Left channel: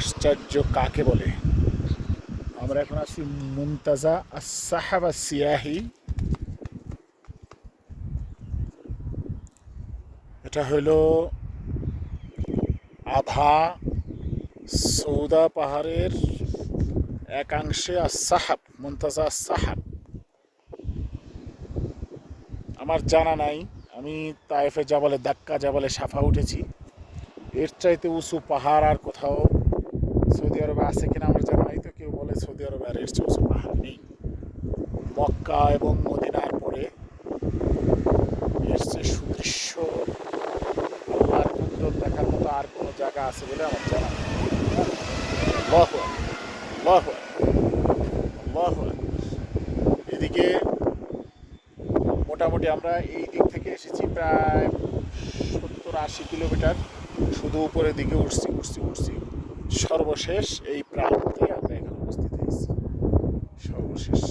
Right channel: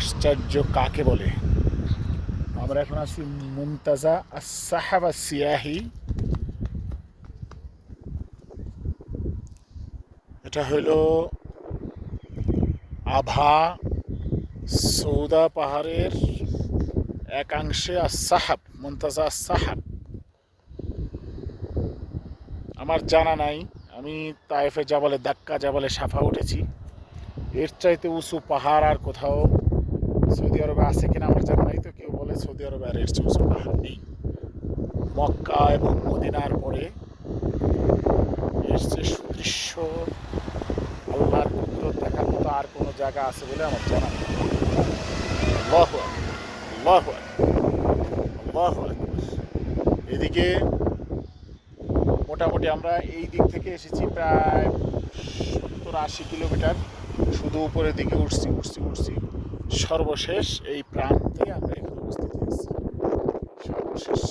আশ্চর্য কাকে বলে? আমরা এখন আছি মুনতাজা আস-সাহাবা সিয়াহি। এটা হইল আভা সৌদা পাহাড়ের একাংশে আস-সাহাব, মুনতাজা আস-সাহাব। আমার জানা নাই, আমি তায়েফে জাবালে দাক্কা, জাবালে সাফা উঠেছি। এর চাইতে উঁচু পাহাড় আর কোথাও সৌদি আরবে আছে কিনা আমার জানা নাই। তো কেউ বলে সৌদি আরবে আর এর চেয়ে উঁচু পাহাড় নেই। মক্কা এবং মদিনার পরে এর চেয়ে সুদৃশ্য আল্লাহর কুদরত দেখার মতো আর কোনো জায়গা আছে বলে আমার জানা নেই। আল্লাহু আকবার, আল্লাহু আকবার, আল্লাহু আকবার। এদিকে মোটামুটি আমরা এই দিক থেকে এসেছি প্রায় 70-80 কিলোমিটার, শুধু উপরের দিকে উঠছি উঠছি উঠছি। সর্বশেষ এই প্রান্তে আমরা এখানে উপস্থিত হয়েছি, সর্বশেষ।